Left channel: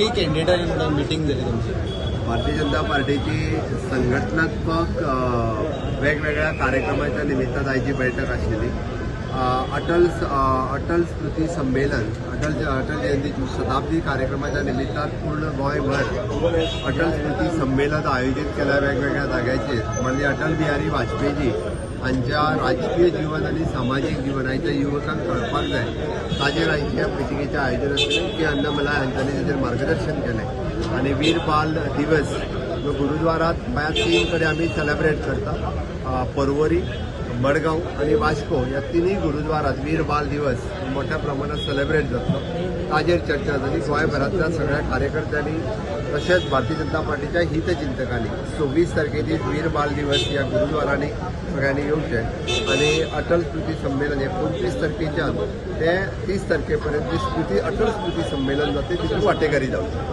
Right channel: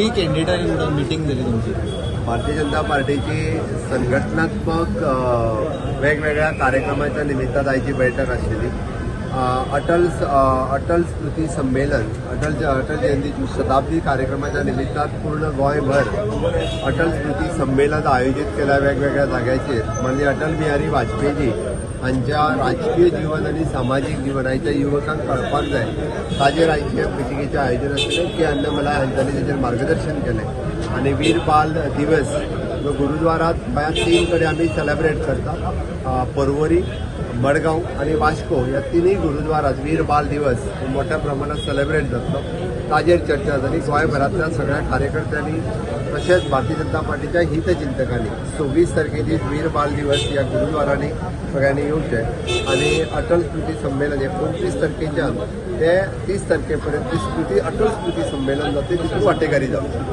मोठी candidate meeting झाली तुमची. भारतीय जनता पार्टीची संघटनात्मक वेगवेगळ्या कार्यक्रमाच्या निमित्तान आयची बैठक आशिल्ली. अटल स्मृती संमेलन अटल जयंतीची शताब्दी कार्यक्रमाच्या निमित्तान पूर्ण गोंयभर अटल स्मृती संमेलन आयोजित केल्या वेगवेगळ्या जाग्याचेर. म्हणजे अटल बिहारी वाजपेयीजी हांच्या राजकीय जीवन आणि सामाजिक जीवन हांच्या युवकांक कळपाक जाय ताजेर आयच्या मिटिंगेचें आयोजन आशिल्लें. के अन्नमला हांच्यांनी ताजेर मार्गदर्शन केलें. आनी वीर बाल दिवस जो गुरुद्वारात गोंयांत 3 कडेन आमी सेलेब्रेट करता. पर्वरी, मडगांव आणि वास्को ह्या तिनूय गुरुद्वारात वीर बाल दिवस मोठ्या प्रमाणात सेलेब्रेट जातलो. ताजेर चर्चा जाली. गोंयभरांतल्या सगळ्या कार्यकर्त्यांनी तशेंच भारतीय जनता पार्टीच्या हितचिंतकांनी 26 तारखेची वीर बाल दिवस ह्या गुरुद्वारांनी सगळ्यांनी येवचें. आनी अटल स्मृती संमेलन हे 25 तारखेच्यान ते 30 तारखेपर्यंत अटल स्मृती संमेलन जाते तितून वांटेकारी जावची.